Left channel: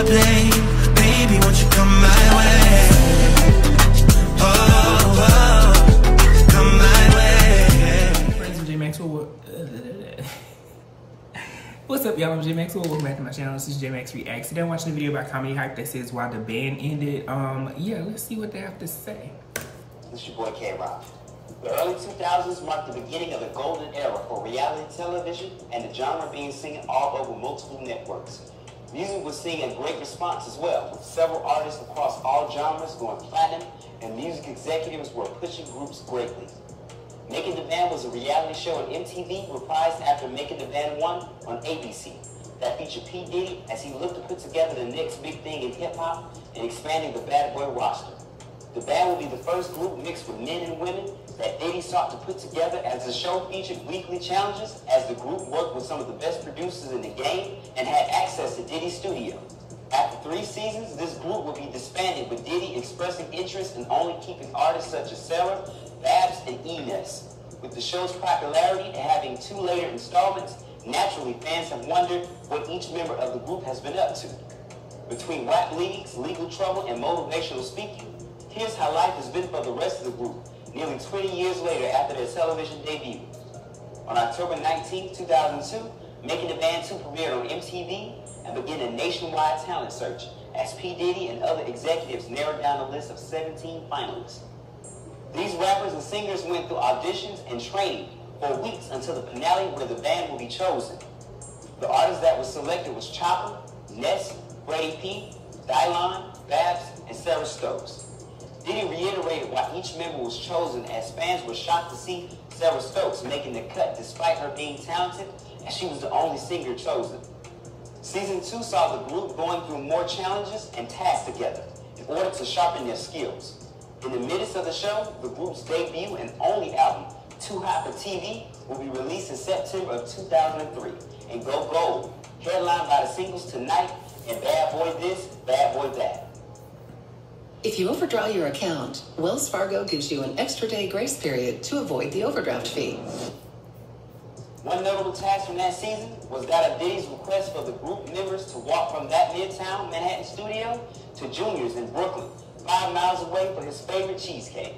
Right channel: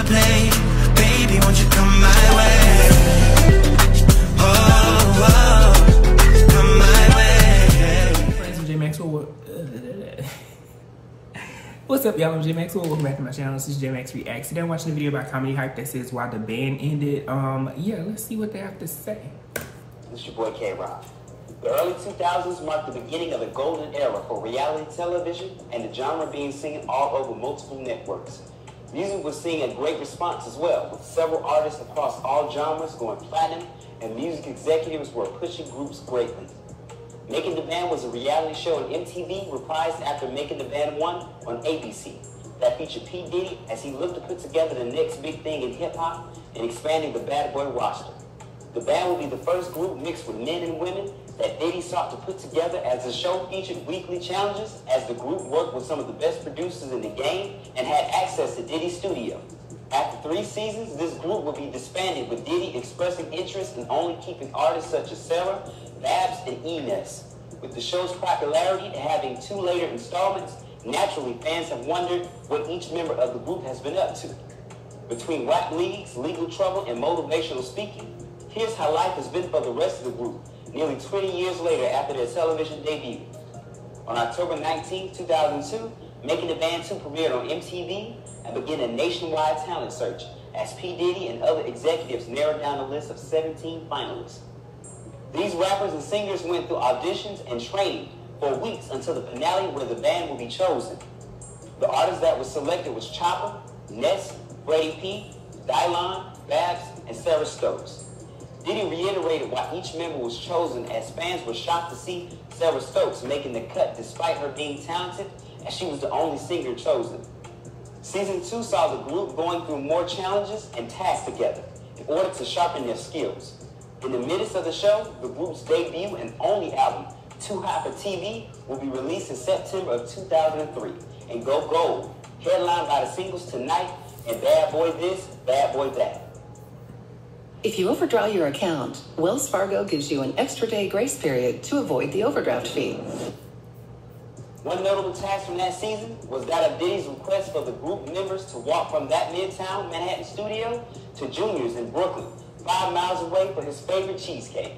I play. Baby, won't you come my way? Oh, oh, come my way. Friends, I'm J Maxwell. What's up, y'all? I'm J Maxwell. Welcome back to my channel. This is J Max Reacts. Today I'm watching a video about comedy hype that says why the band ended. Yeah, let's see what they have to say. This is your boy K-Rock. The early 2000s marked the beginning of the golden era for reality television and the genre being seen all over multiple networks. Music was seeing a great response as well, with several artists across all genres going platinum, and music executives were pushing groups greatly. Making the Band was a reality show on MTV, reprised after Making the Band 1 on ABC, that featured P. Diddy as he looked to put together the next big thing in hip-hop and expanding the Bad Boy roster. The band would be the first group mixed with men and women that Diddy sought to put together, as the show featured weekly challenges as the group worked with some of the best producers in the game and had access to Diddy's studio. After 3 seasons, this group would be disbanded, with Diddy expressing interest in only keeping artists such as Sarah, Babs, and Ines. With the show's popularity and having 2 later installments, naturally fans have wondered what each member of the group has been up to. Between rap leagues, legal trouble, and motivational speaking, here's how life has been for the rest of the group, nearly 20 years later after their television debut. On October 19, 2002, Making the Band 2 premiered on MTV and began a nationwide talent search as P. Diddy and other executives narrowed down a list of 17 finalists. These rappers and singers went through auditions and training for weeks until the finale where the band will be chosen. The artist that was selected was Chopper, Ness, Freddie P, Dylon, Babs, and Sarah Stokes. Diddy reiterated why each member was chosen, as fans were shocked to see Sarah Stokes making the cut despite her being talented, as she was the only singer chosen. Season 2 saw the group going through more challenges and tasks together in order to sharpen their skills. In the midst of the show, the group's debut and only album, Too Hot for TV, will be released in September of 2003 and go gold, headlined by the singles Tonight and Bad Boy This, Bad Boy That. If you overdraw your account, Wells Fargo gives you an extra day grace period to avoid the overdraft fee. One notable task from that season was that of Diddy's request for the group members to walk from that Midtown Manhattan studio to Junior's in Brooklyn, 5 miles away, for his favorite cheesecake.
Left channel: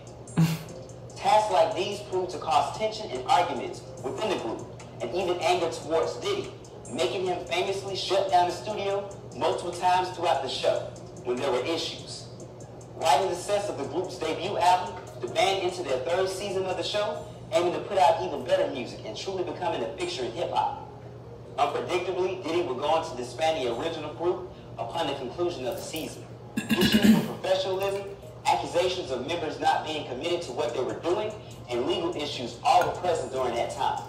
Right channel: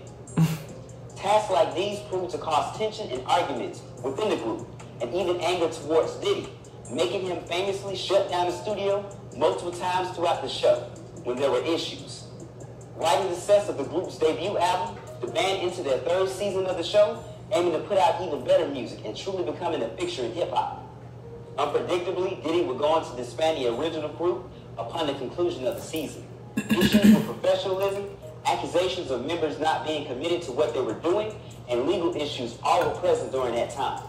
Tasks like these proved to cause tension and arguments within the group, and even anger towards Diddy, making him famously shut down the studio multiple times throughout the show when there were issues. Riding the success of the group's debut album, the band entered their 3rd season of the show, aiming to put out even better music and truly becoming a fixture in hip-hop. Unpredictably, Diddy would go on to disband the original group upon the conclusion of the season. Issues with professionalism, accusations of members not being committed to what they were doing, and legal issues all were present during that time.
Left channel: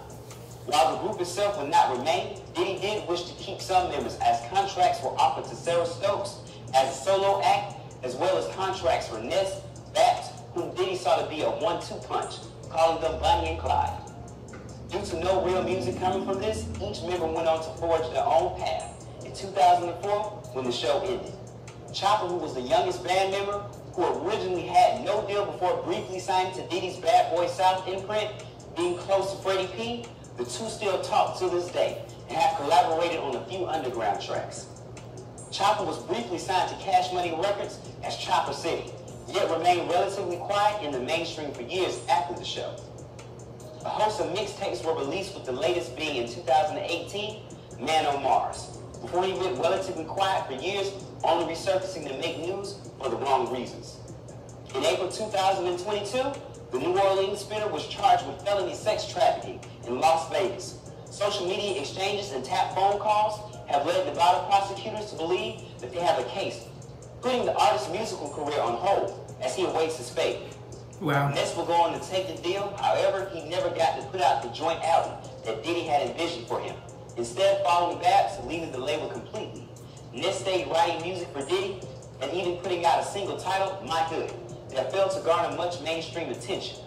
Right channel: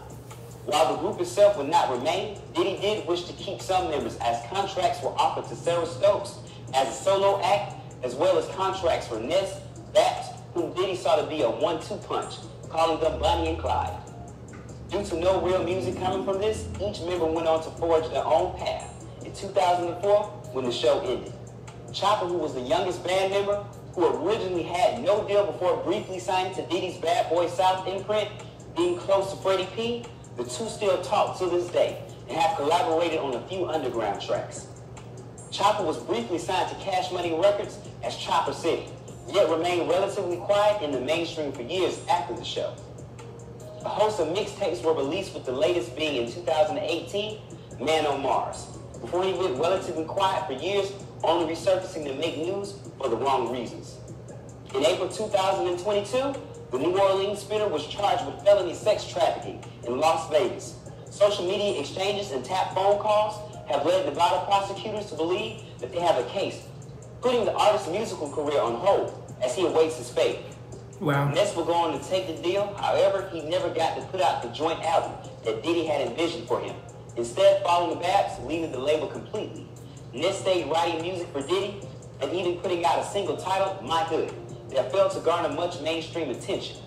While the group itself would not remain, Diddy did wish to keep some members, as contracts were offered to Sarah Stokes as a solo act, as well as contracts for Ness, Babs, whom Diddy saw to be a 1-2 punch, calling them Bonnie and Clyde. Due to no real music coming from this, each member went on to forge their own path in 2004 when the show ended. Chopper, who was the youngest band member, who originally had no deal before briefly signing to Diddy's Bad Boy South imprint, being close to Freddie P, the two still talk to this day and have collaborated on a few underground tracks. Chopper was briefly signed to Cash Money Records as Chopper City, yet remained relatively quiet in the mainstream for years after the show. A host of mixtapes were released, with the latest being in 2018, Man on Mars, before he went relatively quiet for years, only resurfacing to make news for the wrong reasons. In April 2022, the New Orleans spinner was charged with felony sex trafficking in Las Vegas. Social media exchanges and tapped phone calls have led Nevada prosecutors to believe that they have a case, putting the artist's musical career on hold as he awaits his fate. Wow. Ness will go on to take the deal. However, he never got to put out the joint album that Diddy had envisioned for him, instead following the Babs, leaving the label completely. Ness stayed writing music for Diddy and even putting out a single titled My Hood that failed to garner much mainstream attention.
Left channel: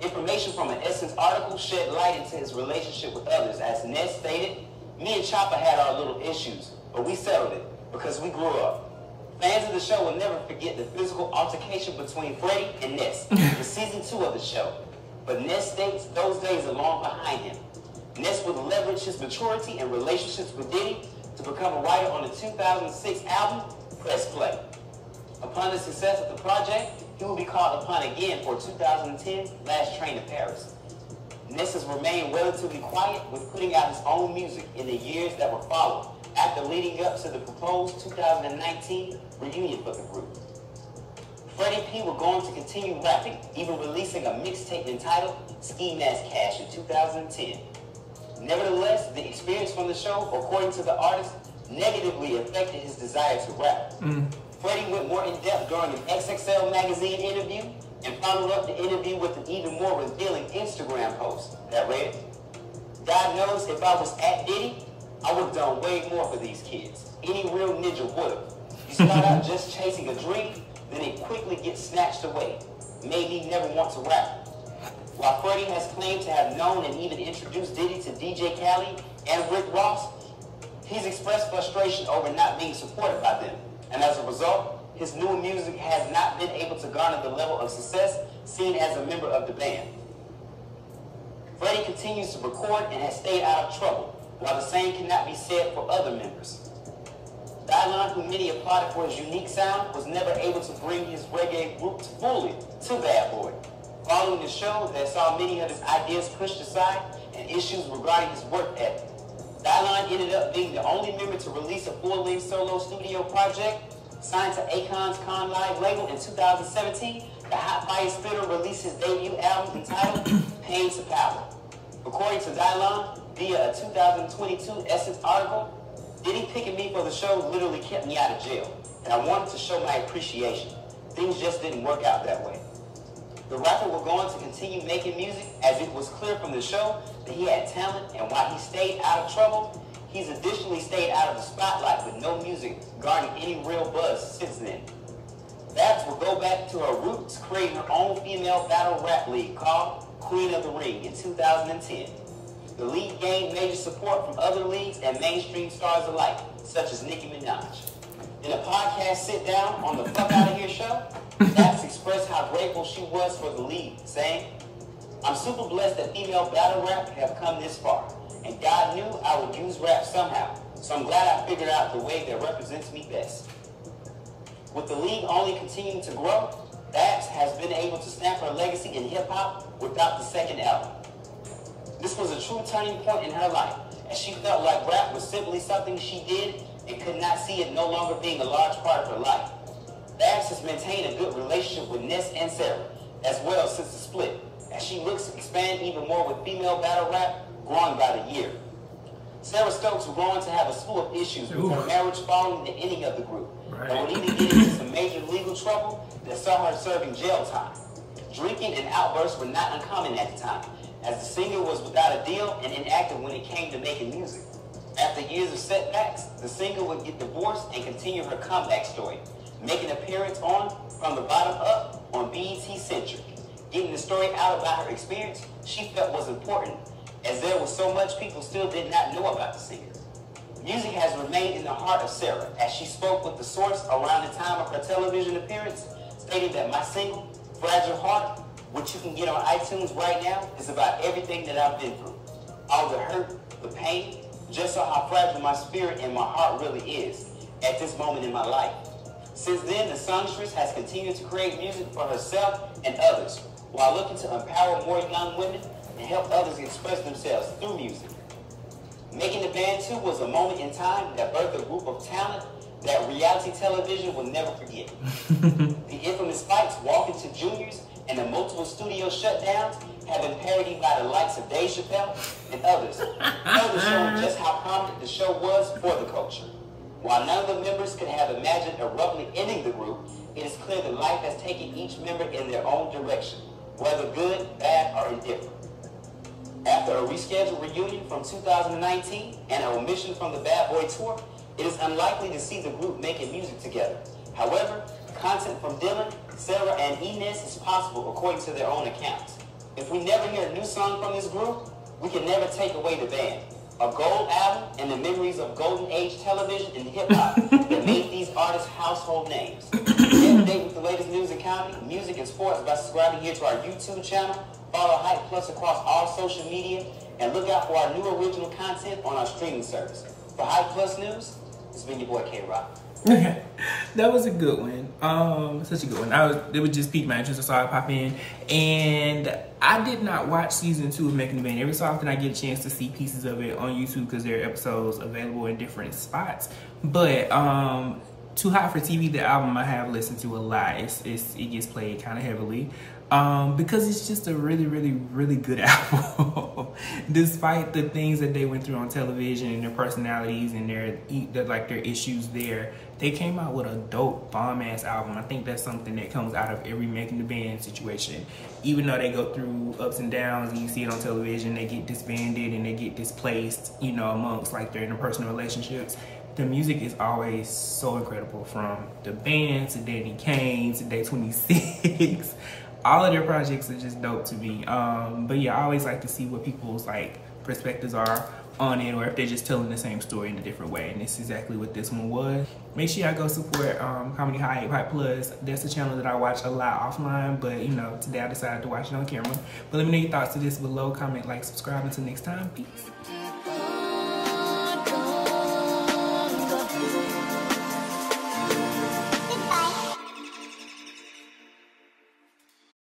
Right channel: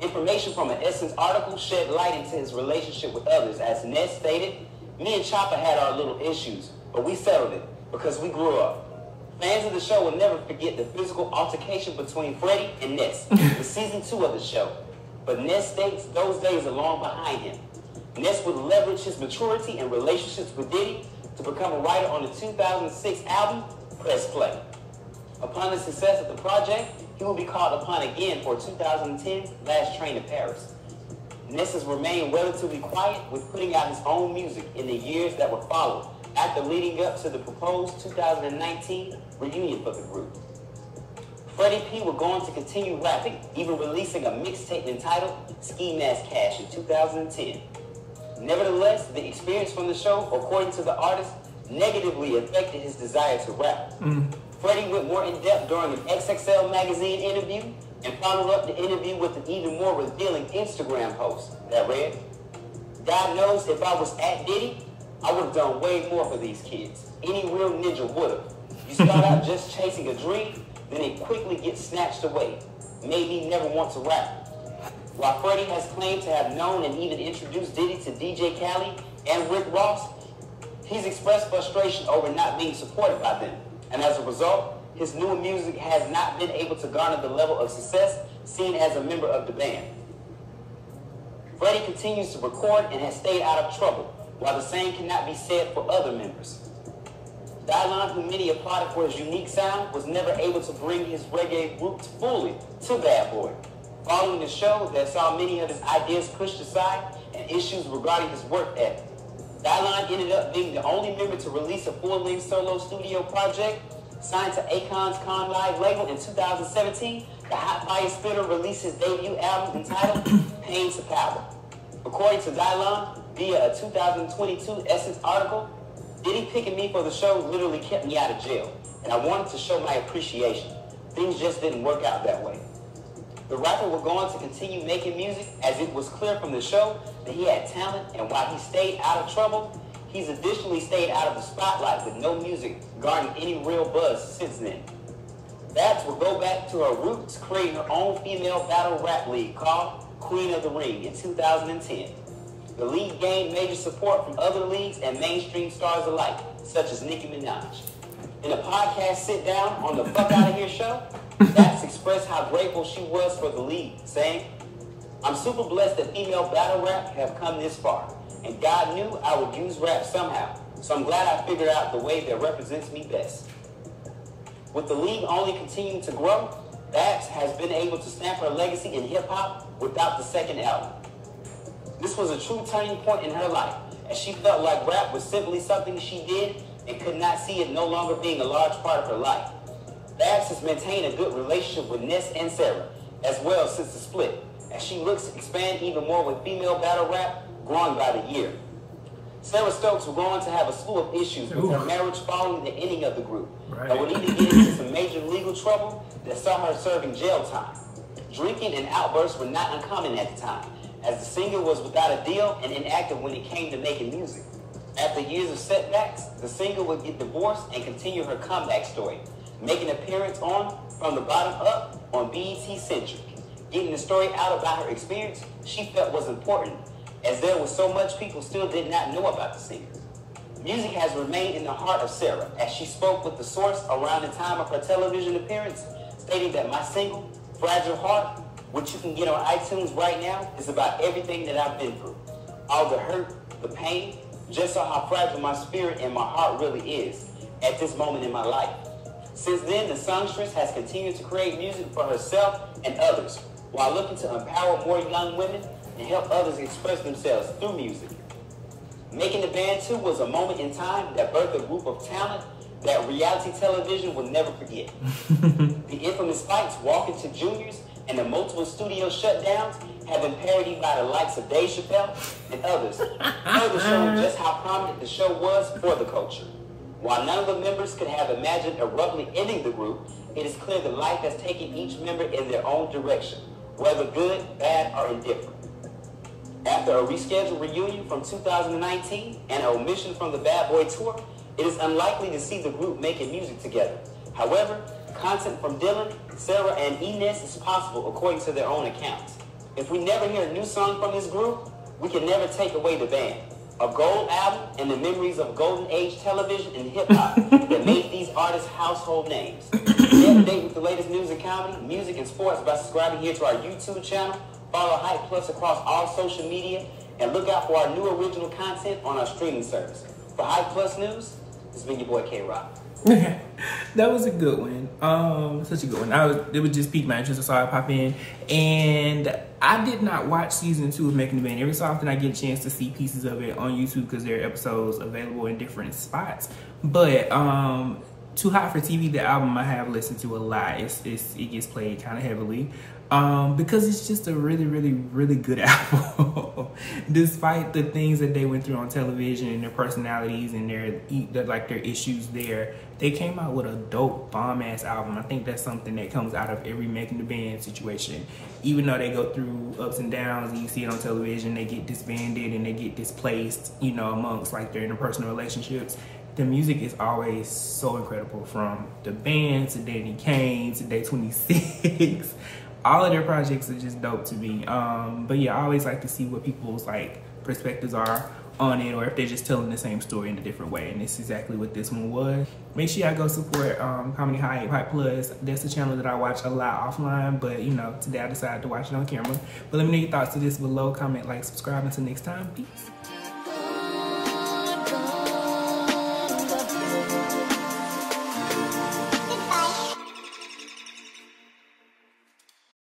Information from an Essence article shed light into his relationship with others, as Ness stated, "Me and Chopper had our little issues, but we settled it because we grew up." Fans of the show will never forget the physical altercation between Freddie and Ness in season 2 of the show, but Ness states those days are long behind him. Ness would leverage his maturity and relationships with Diddy to become a writer on the 2006 album, Press Play. Upon the success of the project, he will be called upon again for 2010's Last Train to Paris. Ness has remained relatively quiet with putting out his own music in the years that would follow, after leading up to the proposed 2019 reunion for the group. Freddie P will go on to continue rapping, even releasing a mixtape entitled Ski Mask Cash in 2010. Nevertheless, the experience from the show, according to the artist, negatively affected his desire to rap. Freddie went more in depth during an XXL magazine interview and followed up the interview with an even more revealing Instagram post that read, "God knows if I was at Diddy, I would have done way more for these kids. Any real ninja would have. You start out just chasing a dream, then it quickly gets snatched away. Made me never want to rap." While Freddie has claimed to have known and even introduced Diddy to DJ Khaled and Rick Ross, he's expressed frustration over not being supported by them. And as a result, his newer music has not been able to garner the level of success seen as a member of the band. Freddie continues to record and has stayed out of trouble, while the same cannot be said for other members. Dylon, who many applauded for his unique sound, was never able to bring his reggae roots fully to Bad Boy. Following the show that saw many of his ideas pushed aside and issues regarding his work ethic, Dylon ended up being the only member to release a full-length solo studio project. Signed to Akon's Con Live label in 2017, the Hot Fire Spitter released his debut album entitled Pain to Power. According to Dylon, via a 2022 Essence article, Diddy picking me for the show literally kept me out of jail, and I wanted to show my appreciation. Things just didn't work out that way. The rapper will go on to continue making music, as it was clear from the show that he had talent, and while he stayed out of trouble, he's additionally stayed out of the spotlight with no music garnering any real buzz since then. Babs will go back to her roots, creating her own female battle rap league called Queen of the Ring in 2010. The league gained major support from other leagues and mainstream stars alike, such as Nicki Minaj. In a podcast sit-down on the Fuck Outta Here show, Babs expressed how grateful she was for the league, saying, "I'm super blessed that female battle rap have come this far, and God knew I would use rap somehow, so I'm glad I figured out the way that represents me best." With the league only continuing to grow, Babs has been able to stamp her legacy in hip-hop without the second album. This was a true turning point in her life, as she felt like rap was simply something she did and could not see it no longer being a large part of her life. Babs has maintained a good relationship with Ness and Sarah, as well since the split, as she looks to expand even more with female battle rap growing by the year. Sarah Stokes will go on to have a slew of issues with her marriage following the ending of the group, and would even get into some major legal trouble that saw her serving jail time. Drinking and outbursts were not uncommon at the time, as the singer was without a deal and inactive when it came to making music. After years of setbacks, the singer would get divorced and continue her comeback story, making an appearance on From the Bottom Up on BET Centric. Getting the story out about her experience she felt was important, as there was so much people still did not know about the singer. Music has remained in the heart of Sarah, as she spoke with The Source around the time of her television appearance, stating that my single, Fragile Heart, which you can get on iTunes right now, is about everything that I've been through. All the hurt, the pain, just saw how fragile my spirit and my heart really is at this moment in my life. Since then, the songstress has continued to create music for herself and others, while looking to empower more young women and help others express themselves through music. Making the band too was a moment in time that birthed a group of talent that reality television will never forget. The infamous fights, walking to juniors, and the multiple studio shutdowns have been parodied by the likes of Dave Chappelle and others, further showing just how prominent the show was for the culture. While none of the members could have imagined abruptly ending the group, it is clear that life has taken each member in their own direction, whether good, bad, or indifferent. After a rescheduled reunion from 2019 and an omission from the Bad Boy Tour, it is unlikely to see the group making music together. However, content from Dylan, Sarah, and Inez is possible according to their own accounts. If we never hear a new song from this group, we can never take away the band, a gold album, and the memories of golden age television and hip-hop that made these artists household names. Stay up to date with the latest news and comedy, music, and sports by subscribing here to our YouTube channel. Follow Hype Plus across all social media, and look out for our new original content on our streaming service. For Hype Plus News, it's been your boy K-Rock. Okay, that was a good one. Such a good one. It would just pique my interest. I saw it pop in, and I did not watch season 2 of Making the Band. Every so often I get a chance to see pieces of it on YouTube because there are episodes available in different spots. But Too Hot for TV, the album I have listened to a lot. It gets played kind of heavily because it's just a really, really, really good album. Despite the things that they went through on television and their personalities and their issues there, they came out with a dope bomb-ass album. I think that's something that comes out of every Making the Band situation. Even though they go through ups and downs and you see it on television, they get disbanded and they get displaced, you know, amongst like their interpersonal relationships. The music is always so incredible, from the band to Danny Kane to Day 26. All of their projects are just dope to me. But yeah, I always like to see what people's like perspectives are on it, or if they're just telling the same story in a different way. And this is exactly what this one was. Make sure y'all go support Comedy Hype Plus. That's a channel that I watch a lot offline, but you know, today I decided to watch it on camera. But let me know your thoughts to this below. Comment, like, subscribe. Until next time, peace.